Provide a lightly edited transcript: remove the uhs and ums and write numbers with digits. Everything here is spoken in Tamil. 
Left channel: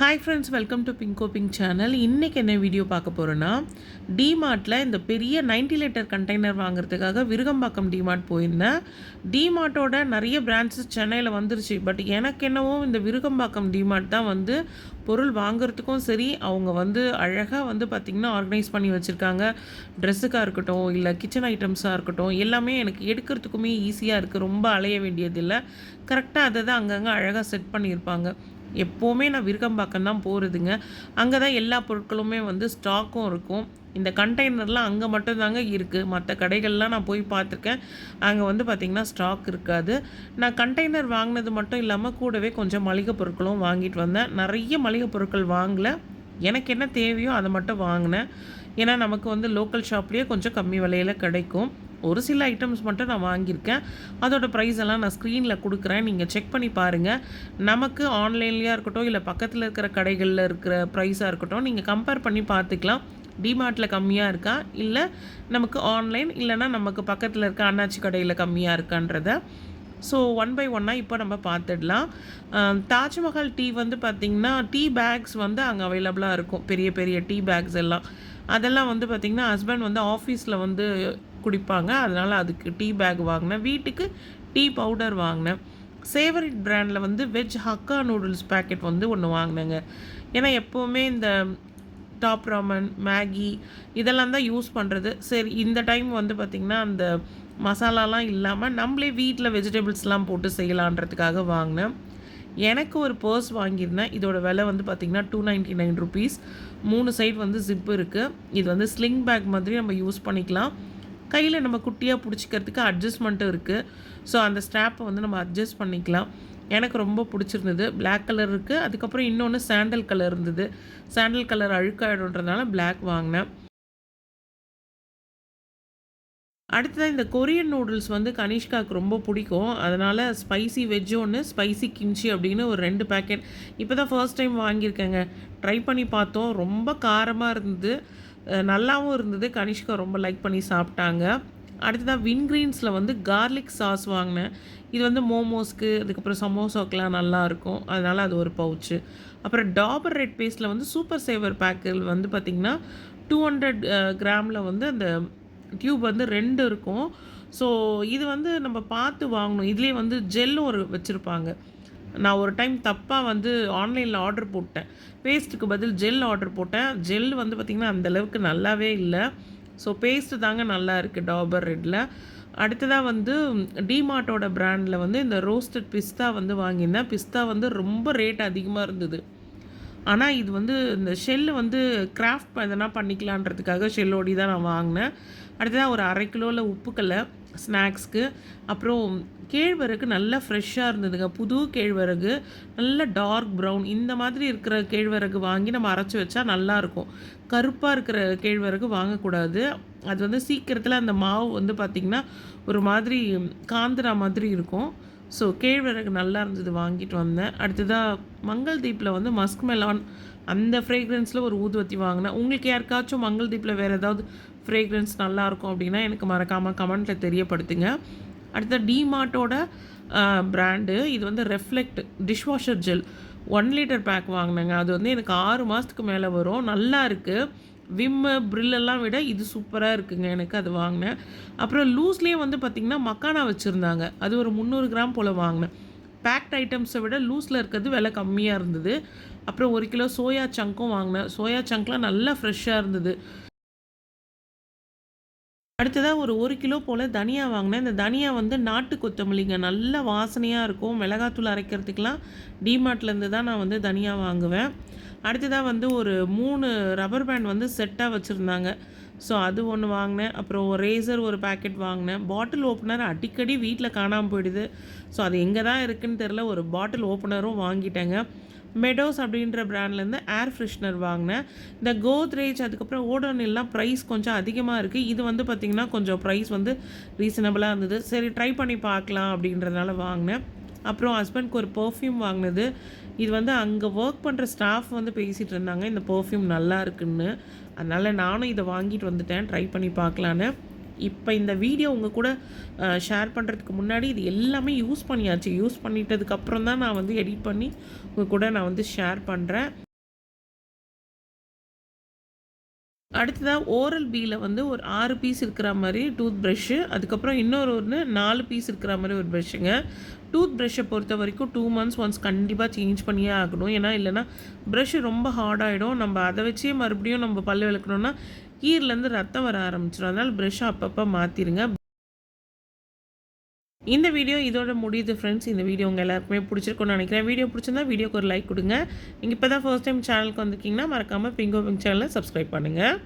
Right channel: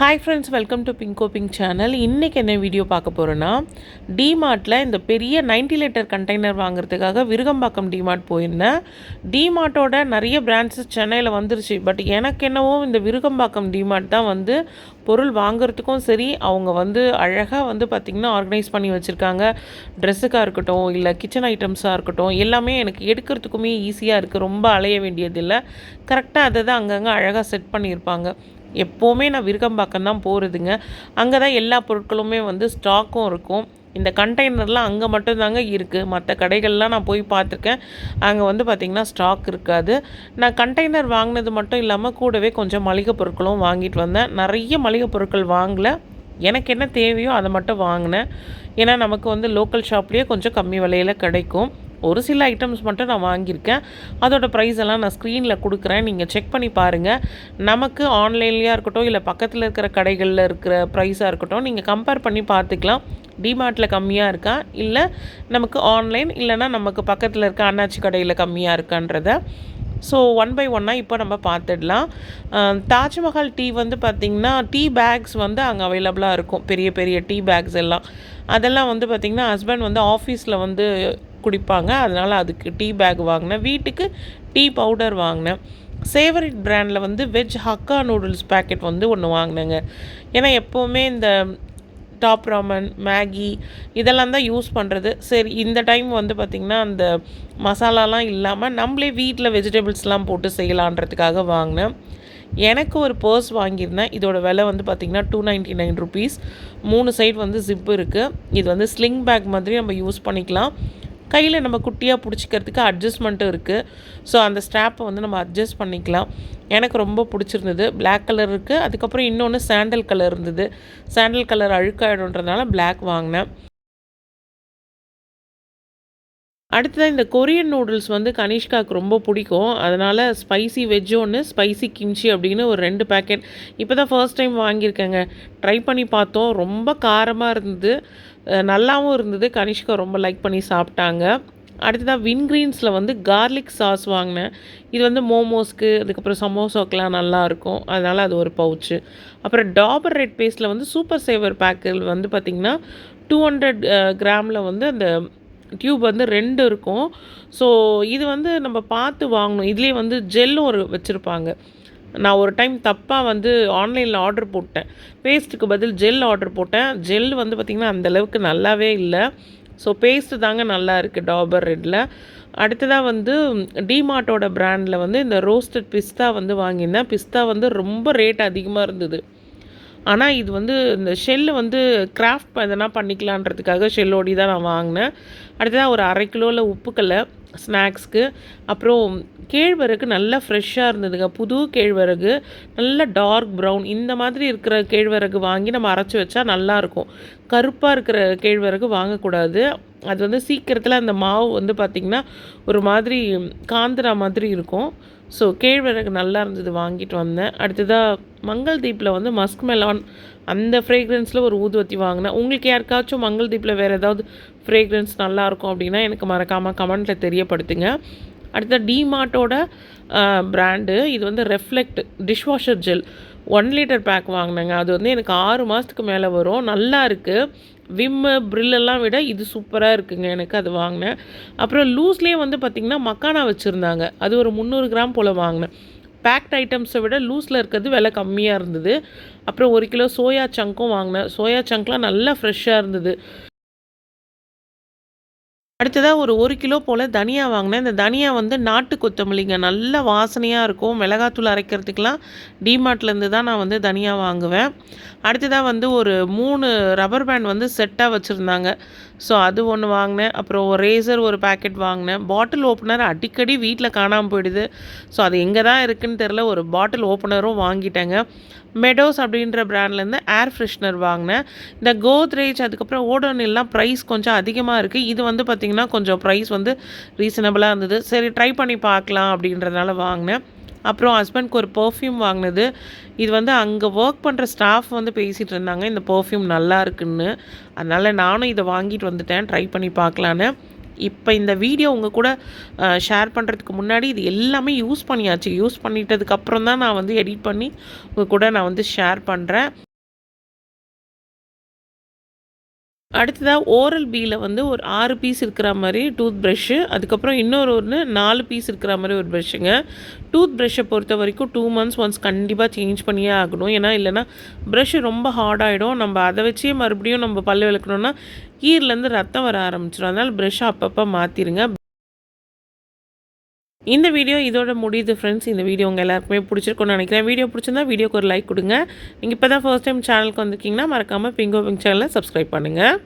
Hi friends, welcome to Bingo pink channel. இன்றைக்கி என்ன வீடியோ பார்க்க போகிறோன்னா, டிமார்ட்டில் இந்த பெரிய 90 லிட்டர் கண்டெய்னர் வாங்குறதுக்காக விருகம்பாக்கம் டிமார்ட் போயிருந்தேன். டிமார்ட்டோட நிறைய பிரான்ச்சஸ் சென்னையில் வந்துருச்சு. பட் எனக்கு என்னவோ இந்த விருகம்பாக்கம் டிமார்ட் தான் வந்து பொருள் வாங்குறதுக்கும் சரி, அவங்க வந்து அழகாக வந்து பார்த்திங்கன்னா ஆர்கனைஸ் பண்ணி வச்சுருக்காங்க. ட்ரெஸ்ஸுக்காக இருக்கட்டும், இல்லை கிச்சன் ஐட்டம்ஸாக இருக்கட்டும், எல்லாமே எனக்கு எடுக்கிறதுக்குமே ஈஸியாக இருக்குது. ரொம்ப அலைய வேண்டியதில்லை. கரெக்டாக அதை தான் அங்கங்கே அழகாக செட் பண்ணியிருப்பாங்க. எப்போவுமே நான் விருகம்பாக்கம் தான் போகிறதுங்க. அங்கே தான் எல்லா பொருட்களுமே வந்து ஸ்டாக்கும் இருக்கும். இந்த கண்டெய்னர்லாம் அங்கே மட்டும்தாங்க இருக்குது. மற்ற கடைகள்லாம் நான் போய் பார்த்துருக்கேன். அங்கே வந்து பார்த்திங்கன்னா ஸ்டாக் இருக்காது. நான் கண்டெய்னர் வாங்கினது மட்டும் இல்லாமல் கூடவே கொஞ்சம் மளிகை பொருட்களும் வாங்கிட்டு வந்தேன். நிறைய மளிகை பொருட்கள் வாங்கலை. எனக்கு என்ன தேவையோ அதை மட்டும் வாங்கினேன். ஏன்னா நமக்கு வந்து லோக்கல் ஷாப்லேயே கொஞ்சம் கம்மி விலையில் கிடைக்கும். ஒரு சில ஐட்டம்ஸ் மட்டும் நான் வாங்கியிருக்கேன். அதோட ப்ரைஸ் எல்லாம் நான் ஸ்க்ரீனில் கொடுக்குறேன், நீங்கள் செக் பண்ணி பாருங்கள். நமக்கு ஆன்லைன்லேயா இருக்கட்டும், இல்லை பக்கத்தில் இருக்கிற கடைகளில் இருக்கிற ப்ரைஸாக இருக்கட்டும், நீங்கள் கம்பேர் பண்ணி பார்த்துக்கலாம். டிமார்ட்டில் கம்மியாக இருக்கா, இல்லை நமக்கு ஆன்லைன், இல்லைனா நமக்கு பக்கத்தில் இருக்க அண்ணாச்சி கடையில் கம்மியாக இருக்கான்றத. ஸோ ஒன் பை ஒன்னாக இப்போ நம்ம பார்த்துடலாம். தாஜ்மஹால் டீ வந்து பார்த்திங்கன்னா டீ பேக்ஸ் வந்து அங்கே அவைலபிளாக இருக்கும். பெரிய பெரிய டீ பேக்ஸ் எல்லாம் அதெல்லாம் வந்து பார்த்திங்கன்னா ஹஸ்பண்ட் வந்து ஆஃபீஸில் வந்து குடிப்பாங்க. அதனால் அதுக்கு டீ பேக் வாங்கினேன். வீட்டுக்கு டீ பவுடர் வாங்கினேன். சேவரிட் பிராண்டில் வந்து வெஜ் ஹக்கா நூடுல்ஸ் பேக்கெட் வந்து ஒன்று வாங்கினேங்க. ஏன்னா எப்போவுமே இந்த டாப் ராமன், மேகி இதெல்லாம் தான் யூஸ் பண்ணுறது. சரி, இந்த டைம் வந்து பார்த்திங்கன்னா அந்த மசாலாலாம் இல்லாமல் நம்மளே வீட்டில் வெஜிடபிள்ஸ்லாம் போட்டு செய்யலான்றதுக்காக வாங்கினேன். எனக்கு ஒரு பர்ஸ் வாங்கியிருந்தேன். இதோட விலை வந்து பார்த்திங்கன்னா 299 ருபீஸ். 3 சைடு வந்து ஜிப்பு இருக்குது. இது வந்து ஸ்லிங் பேக் மாதிரி நம்ம யூஸ் பண்ணிக்கலாம். கையில் நம்ம குட்டியாக பிடிச்சிக்கிறதுக்கு அட்ஜஸ்ட்மெண்ட்டும் இருக்குது. ஸோ அந்த ஸ்ட்ராப்பை வந்து நம்ம அட்ஜஸ்ட் பண்ணிக்கலாம். எனக்கு ரொம்ப பிடிச்சிருந்தது. பிளாக் கலர் இருக்குது. அதுக்கப்புறம் இன்னொன்று சாண்டல் கலர் இருந்தது. சாண்டல் கலர் அழுக்காயிடுன்றதுனால பிளாக் வாங்கினேன். அடுத்ததாக இந்த கொரியன் நூடுல்ஸ் வந்து கனிஷ்காவுக்கு ரொம்ப பிடிக்கும். அதனால் ஸ்பைசி வெஜ் ஒன்று, ஸ்பைசி கிம்ச்சி அப்படின்னு ஒரு 2 பேக்கெட் இப்போ தான் ஃபர்ஸ்ட் டைம் வாங்கியிருக்கேங்க. ட்ரை பண்ணி பார்த்தோம். ரொம்ப காரமாக இருந்தது, நல்லாவும் இருந்தது. கனிஷ்கா ரொம்ப லைக் பண்ணி சாப்பிட்டாங்க. அடுத்ததாக வின்கிரீன்ஸில் வந்து கார்லிக் சாஸ் வாங்கினேன். இது வந்து மோமோஸ்க்கு, அதுக்கப்புறம் சமோசாக்கெலாம் நல்லாயிருக்கும். அதனால் அது ஒரு பவுச்சு. அப்புறம் டாபர் ரெட் பேஸ்ட்டில் வந்து சூப்பர் சேவர் பேக்கில் வந்து பார்த்திங்கன்னா 200 கிராமில் வந்து அந்த டியூப் வந்து 2 இருக்கும். ஸோ இது வந்து நம்ம பார்த்து வாங்கணும். இதுலேயே வந்து ஜெல்லும் ஒரு வச்சுருப்பாங்க. நான் ஒரு டைம் தப்பாக வந்து ஆன்லைனில் ஆர்டர் போட்டேன். பேஸ்ட்டுக்கு பதில் ஜெல் ஆர்டர் போட்டேன். ஜெல் வந்து பார்த்திங்கன்னா அந்தளவுக்கு நல்லாவே இல்லை. ஸோ பேஸ்ட்டு தாங்க நல்லா இருக்குது டாபர் ரெட்டில். அடுத்ததாக வந்து டிமார்ட்டோட பிராண்டில் வந்து இந்த ரோஸ்டட் பிஸ்தா வந்து வாங்கியிருந்தேன். பிஸ்தா வந்து ரொம்ப ரேட் அதிகமாக இருந்தது. ஆனால் இது வந்து இந்த ஷெல்லு வந்து கிராஃப்ட் எதனா பண்ணிக்கலான்றதுக்காக ஷெல்லோடி தான் நான் வாங்கினேன். அடுத்ததாக ஒரு 1/2 கிலோவில் உப்புக்கல்லை ஸ்நாக்ஸ்க்கு. அப்புறம் கேழ்வரகு நல்லா ஃப்ரெஷ்ஷாக இருந்ததுங்க. புது கேழ்வரகு, நல்ல டார்க் ப்ரௌன் இந்த மாதிரி இருக்கிற கேழ்வரகு வாங்கி நம்ம அரைச்சி வச்சா நல்லாயிருக்கும். கருப்பாக இருக்கிற கேழ்வரகு வாங்கக்கூடாது. அது வந்து சீக்கிரத்தில் அந்த மாவு வந்து பார்த்திங்கன்னா ஒரு மாதிரி காந்திரா மாதிரி இருக்கும். ஸோ கேழ்வரகு நல்லா இருந்தது, வாங்கிட்டு வந்தேன். அடுத்ததாக மங்கள் தீப்பில் வந்து மஸ்க் மெலான் அந்த ஃப்ரேக்ரன்ஸில் ஒரு ஊதுவத்தி வாங்கினேன். உங்களுக்கு யாருக்காச்சும் மங்கள் தீப்பில் வேறு ஏதாவது ஃப்ரேக்ரன்ஸ் நல்லாயிருக்கும் அப்படின்னா எனக்கு மறக்காமல் கமெண்ட்டில் தெரியப்படுத்துங்க. அடுத்த டிமார்ட்டோட பிராண்டு இது வந்து reflect dishwasher gel 1 litre pack வாங்கினேங்க. அது வந்து எனக்கு 6 மாதத்துக்கு மேலே வரும். நல்லா இருக்குது. விம்மு ப்ரில்லெல்லாம் விட இது சூப்பராக இருக்குங்க. எனக்கு அது வாங்கினேன். அப்புறம் லூஸ்லேயே வந்து பார்த்திங்கன்னா மக்கானா வச்சுருந்தாங்க. அது ஒரு 300 கிராம் போல் வாங்கினேன். பேக்ட் ஐட்டம்ஸை விட லூஸில் இருக்கிறது விலை கம்மியாக இருந்தது. அப்புறம் 1 கிலோ சோயா சங்க்கும் வாங்கினேன். சோயா சங்க்லாம் நல்லா ஃப்ரெஷ்ஷாக இருந்தது. அடுத்ததாக ஒரு 1 கிலோ போல் தனியா வாங்கினேன். இந்த தனியா வந்து நாட்டு கொத்தமல்லிங்க. நல்ல வாசனையாக இருக்கும். மிளகாத்தூள் அரைக்கிறதுக்கெலாம் டிமார்ட்லேருந்து தான் நான் வந்து தனியா வாங்குவேன். அடுத்ததாக வந்து ஒரு 3 ரப்பர் பேண்ட் வந்து செட்டாக வச்சுருந்தாங்க. ஸோ அது ஒன்று வாங்கினேன். அப்புறம் ஒரு ரேசர் ஒரு பேக்கெட் வாங்கினேன். பாட்டில் ஓப்பனர் அடிக்கடி வீட்டில் காணாமல் போயிடுது. ஸோ அது எங்கே தான் இருக்குதுன்னு தெரில. ஒரு பாட்டில் ஓப்பனரும் வாங்கிட்டேங்க. மெடோஸ் அப்படின்ற பிராண்ட்லேருந்து ஏர் ஃப்ரெஷ்னர் வாங்கினேன். இந்த கோத்ரேஜ் அதுக்கப்புறம் ஓடோனில்லாம் ப்ரைஸ் கொஞ்சம் அதிகமாக இருக்குது. இது வந்து பார்த்திங்கன்னா கொஞ்சம் ப்ரைஸ் வந்து ரீசனபிளாக இருந்தது. சரி, ட்ரை பண்ணி பார்க்கலாம் அப்படின்றதுனால வாங்கினேன். அப்புறம் ஹஸ்பண்ட்க்கு ஒரு பர்ஃப்யூம் வாங்கினது. இது வந்து அங்கே ஒர்க் பண்ணுற ஸ்டாஃப் வந்து பேசிகிட்டு இருந்தாங்க இந்த பர்ஃப்யூம் நல்லா இருக்குன்னு. அதனால் நானும் இதை வாங்கிட்டு வந்துட்டேன் ட்ரை பண்ணி பார்க்கலான்னு. இப்போ இந்த வீடியோ உங்கள் கூட ஷேர் பண்ணுறதுக்கு முன்னாடி இது எல்லாமே யூஸ் பண்ணியாச்சு. யூஸ் பண்ணிட்டதுக்கப்புறம் தான் நான் வந்து எடிட் பண்ணி உங்கள் கூட நான் வந்து ஷேர் பண்ணுறேன். அடுத்ததா ஓரல் பில வந்து ஒரு 6 பீஸ் இருக்கிற மாரி டூத் பிரஷ்ஷு, அதுக்கப்புறம் இன்னொரு 4 பீஸ் இருக்கிற மாரி ஒரு பிரஷ்ஷுங்க. டூத் பிரஷ்ஷை பொறுத்த வரைக்கும் 2 மந்த்ஸ் ஒன்ஸ் கண்டிப்பாக சேஞ்ச் பண்ணியே ஆகணும். ஏன்னா இல்லைன்னா ப்ரஷ்ஷு ரொம்ப ஹார்ட் ஆகிடும். நம்ம அதை வச்சே மறுபடியும் நம்ம பல்லு விளக்கணும்னா ஈர்லேருந்து ரத்தம் வர ஆரம்பிச்சிடும். அதனால் ப்ரஷ்ஷை அப்பப்போ மாற்றிடுங்க. இந்த வீடியோ இதோட முடியுது ஃப்ரெண்ட்ஸ். இந்த வீடியோ உங்கள் எல்லாருக்குமே பிடிச்சிருக்கும்னு நினைக்கிறேன். வீடியோ பிடிச்சிருந்தா வீடியோக்கு ஒரு லைக் கொடுங்க. நீங்கள் இப்போ தான் ஃபர்ஸ்ட் டைம் சேனலுக்கு வந்திருக்கீங்கன்னா மறக்காமல் பிங்கோ பிங்க் சேனலை சப்ஸ்கிரைப் பண்ணுங்கள்.